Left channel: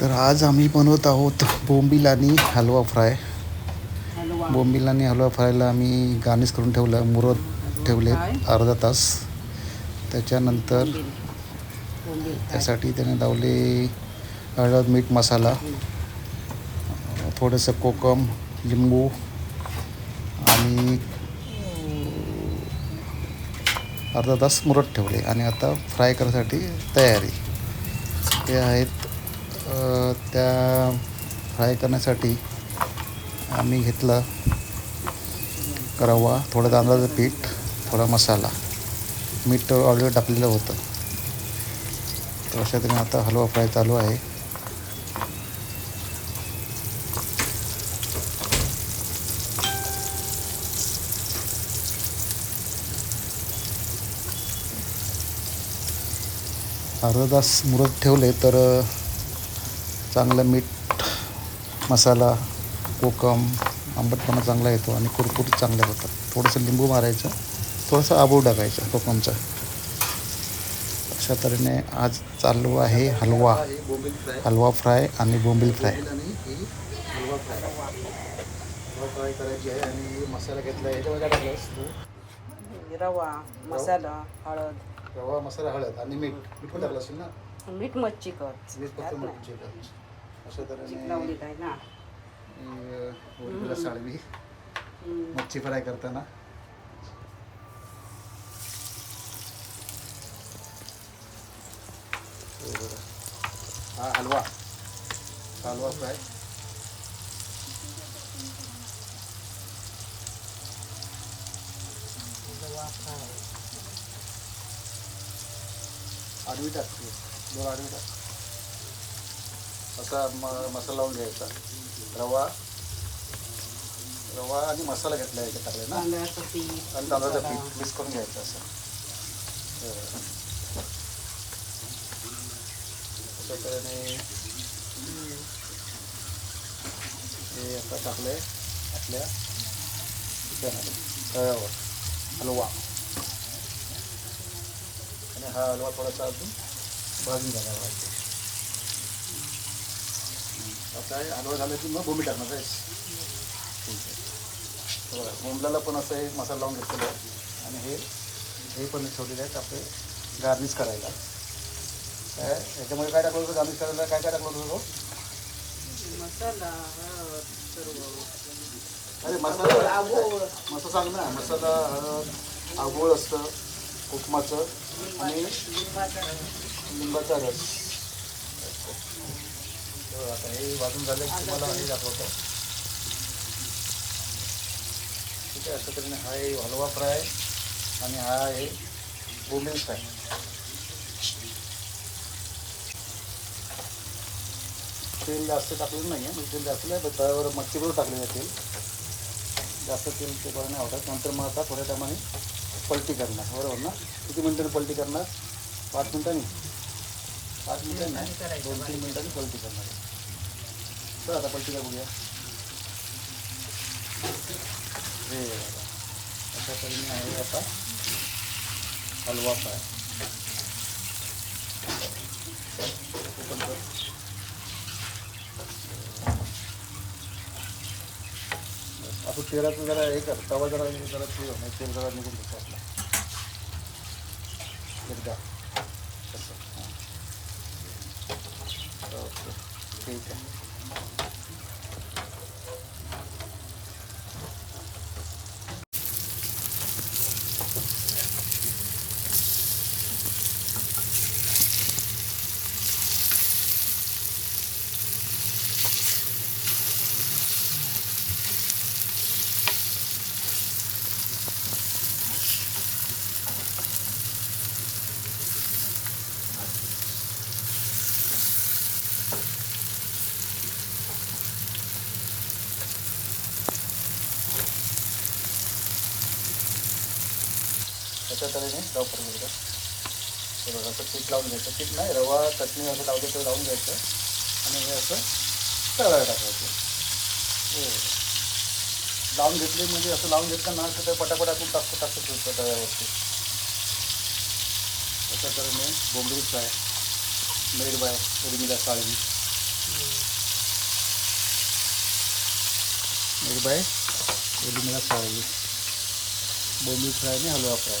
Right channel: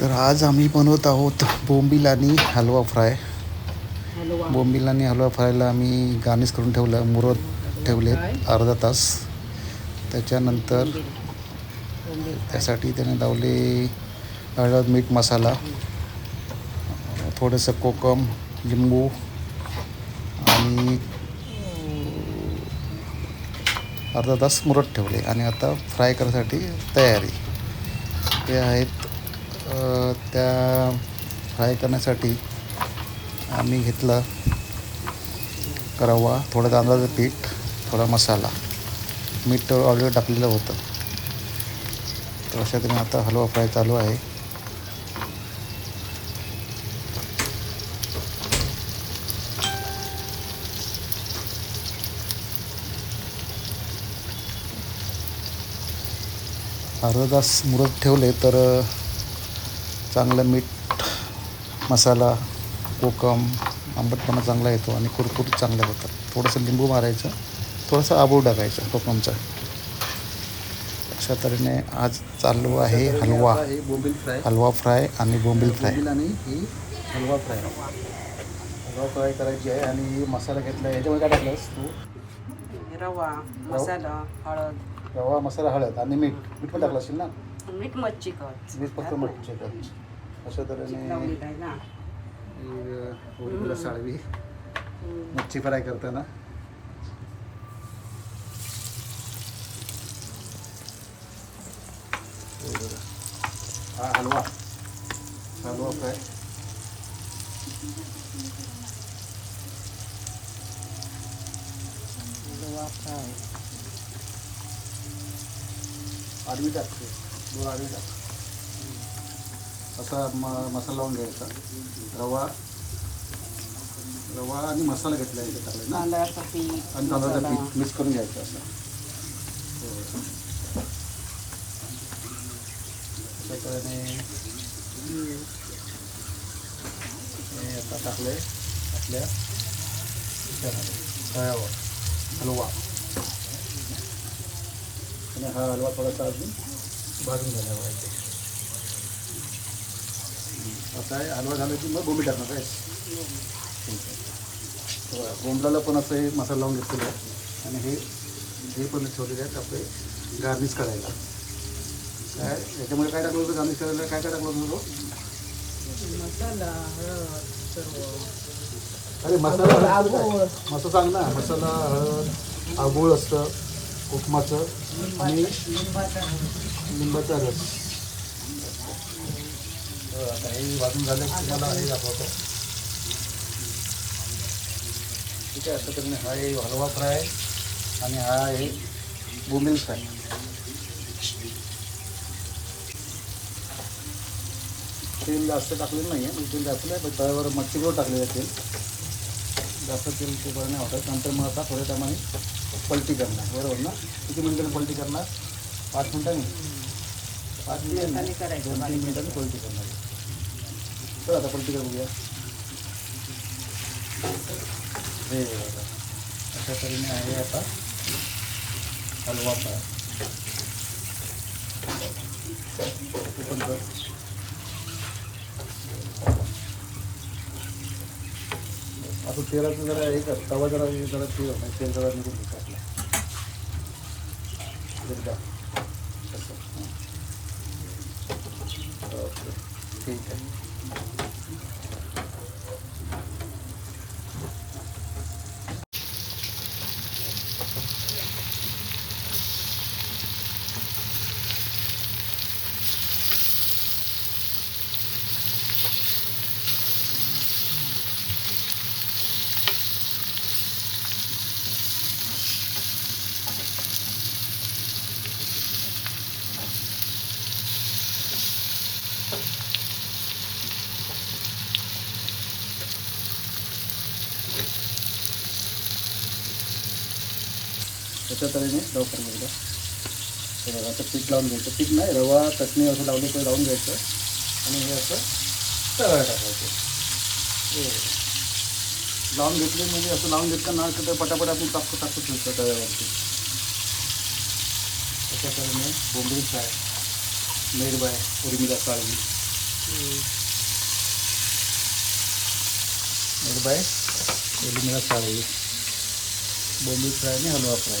तर आज आम्ही बनवत आहोत बोंबील आणि हलवा फ्राय. बोंबील आणि हलवा फ्रायला आम्ही गार्निश करून ठेवलं मुरत ठेवलेत अर्धा तास. त्याच्यानंतर त्यासाठी त्याने लावले हळद मीठ मसाला थोडंसं कोकम लिंबू आणि अर्धा तास मुरत ठेवले. आणि आता फ्राय करायसाठी तयारी. ते आहेत त्या फ्राय करण्यासाठी आम्ही घेतलं रवा थोडं तांदळाचं पीठ थोडा मसाला. मीठ ऑलरेडी टाकलेलं होतं. तर अशा तऱ्हेने आता हलवा फ्राय चालू आहे. अर्धा तास मुरत ठेवले तर चांगलं मीठ मसाला कोकम आंबटपणा चांगला येतो आणि कुरकुरीत चांगले होतात. थोडंसं लिंबू मारायचं थोडंसं आबू टाकायचं कोकमचा. अशा तऱ्हेने आज चालू आहे हलवा. हलवा फ्राय आणि बोंबील फ्राय. हलवा फ्राय हलवा फ्राय करायची आहे आणि मसाला घेतला याच्यामध्ये काय टाकलंस तू रवा मसाला हळद. रवा मसाला हळद आणि मीठ. मीठ पण टाकलं असेल ना? मीठ मच्छी कट. मीठ फक्त मटची अशा तऱ्हेने लावली काय ना ही, अ, बोंबीलला साळवी मच्छी फ्राय करताना हो बरं. हा हलवा हलवा फ्राय आडवी टाकते दोन आडवी टाक असा म मसाला लावून घ्यायचा. रवा रवा आणि मसाला घेतला याच्यात टाकले ना आणि तांदळाचं पीठ मिक्स करून घ्यायचं असं. अशा तऱ्हेने हे आता टाकलं आहे आपल्या तव्यावर हलवा. आणि हा हलवा थोडासा अजून भाजून जाणार आहे. आता हे हलवा झाला की मग बोंबी टाकणार आहे बोंबलाला पण असं हे मसाला लावून घेतलेला आहे. आणि हे हे पण ठेवलेले आहेत आपले गार्निश करायला. काय याच्यामध्ये काय टाकलं होतं गार्निश करायला? काय काय टाकलं होतं अरे मसाला मसाला सांग ना मसाला हळद आगोळ असतं कोकमाचं आणि लिंबाचा रस. आता हे वाजून झालं की तुम्हाला हे दाखवतो. ठीक आहे अशा तऱ्हेने हा हे हलवा फ्राय आणि हा आहे बोंबील फ्राय. तेल जास्त टाकलेलं नाही आहे तेल जास्त नाही पण तव्यावर टाकलेलं आहे तेल. जास्त तेल ते बरं नाही वाटत नंतर मग आता थोड्या टायमाने पलटी करणार बरोबर ना? किती मिनिटांनी पलटी करणार? पाच मिनटांनी? पाच मिनिटांनी? करायचं. दोन तीन मिनिटांनी पलटी करणार. तर आता पलटी बघूया हे अशा तऱ्हेने आहे आता. हलवा फ्राय. हे असं तेलात जरा एक तवा जरा जरा ते म्हणजे तेल जरा निघून एकदा. ठीक आहे. अशा तऱ्हेने लवकर मिळतं हे बघा असं पीठ लावून घ्यायचं. पीठ नाही रवा चटणी असं लावली तर लावून घ्यायचं. आणि हे असं तव्यावर टाकायचं. हो. लावून घेतली म्हणजे असं लावून घेतलं ना तर पटापट आपण टाकतो टाकतो ठेवतो तव्यावरती. अशा तऱ्हेने बोंबडी फ्राय मेड बाय उर्मिला काळजी मेड बाय उर्मिला साळी बोंबी फ्राय आणि हलवा फ्राय.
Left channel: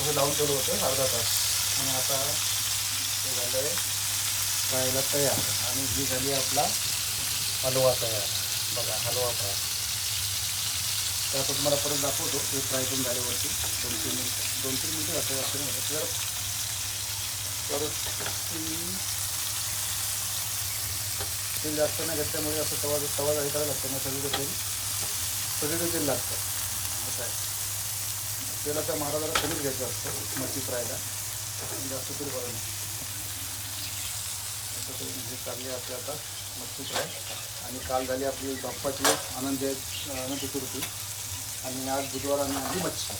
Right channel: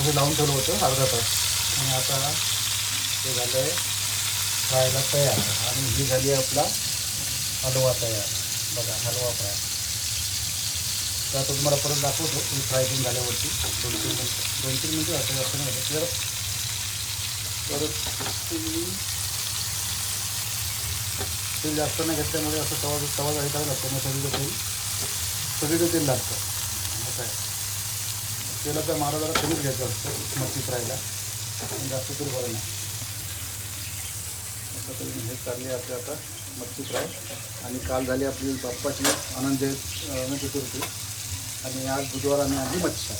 असं लावून ठेवलं होतं अर्धा तास. आणि आता हे झालं आहे खायला तयार. आणि ही झाली आपला हलवा तयार. बघा हलवा फ्राय. तर आता तुम्हाला परत दाखवतो हे फ्राय तीन झाल्यावरती. दोन तीन मिनटं. दोन तीन मिनटं असं असं नाही जर परत तुम्ही तेल जास्त नाही घेतल्यामुळे असं तवा तवा हे करायला लागतं मग सगळीचं तेल सगळीचं तेल लागतं. असं आहे तेलाचा मारा जरा कमीच घ्यायचा असतो मच्छी फ्रायला जास्त तरी बरं नाही. असं हे चालली आपली आता मच्छी फ्राय आणि काल झाली आपली बाप्पाची आनंद अनंत चतुर्थी आणि आज बुधवार आणि आधी मच्छी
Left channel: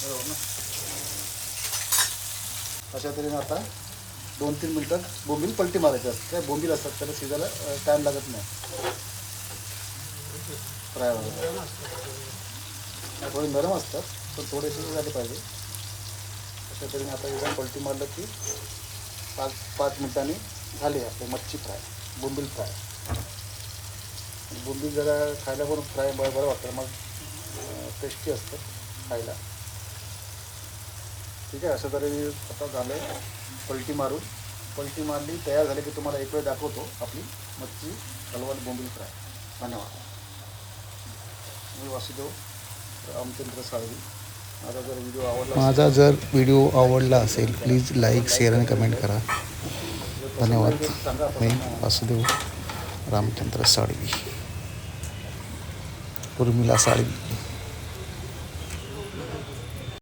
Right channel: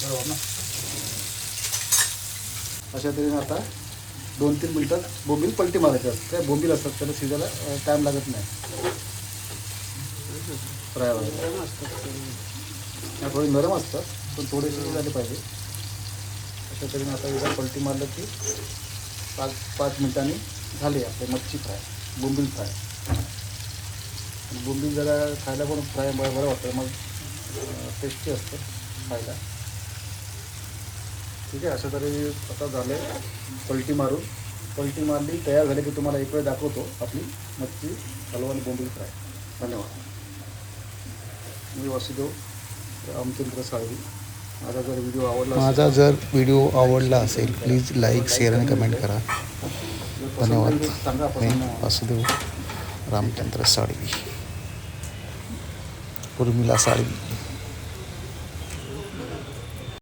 बरोबर ना? अशा तऱ्हेने आता दोन तीन मिनटात बोंबील पलटी मारायचे असतात काय बोंबील असतात त्याला शिजायला टाईम लागत नाही. फ्राय वगैरे थोडे नरम असतात पण थोडे शिजून झाले पाहिजे. अशा तरी आता एकदा पलटी मारलं की पाच पाच मिनिटांनी झाले आपले मच्छी फ्राय बोंबील फ्राय. आणि बोंबील जरा खायला पण फ्राय बरं बरं वाटतं मग टेस्टी असतं खायला. ठीक आहे अशा तऱ्हे आता झालं पलटी मारून. पलटी मारली तयार झाली की तुम्हाला एक वेळ दाखवतो आपली मच्छी हलवा आणि बोंबील फ्राय. धन्यवाद. मी वासुदेव रामचंद्र साळवी. माझा जर व्हिडिओ आवडला माझा जर व्हिडिओ आवडला असेल प्लीज लाईक शेअर आणि कमेंट करा. धन्यवाद. मी वासुदेव रामचंद्र साळवी. उर्मिला साळवी.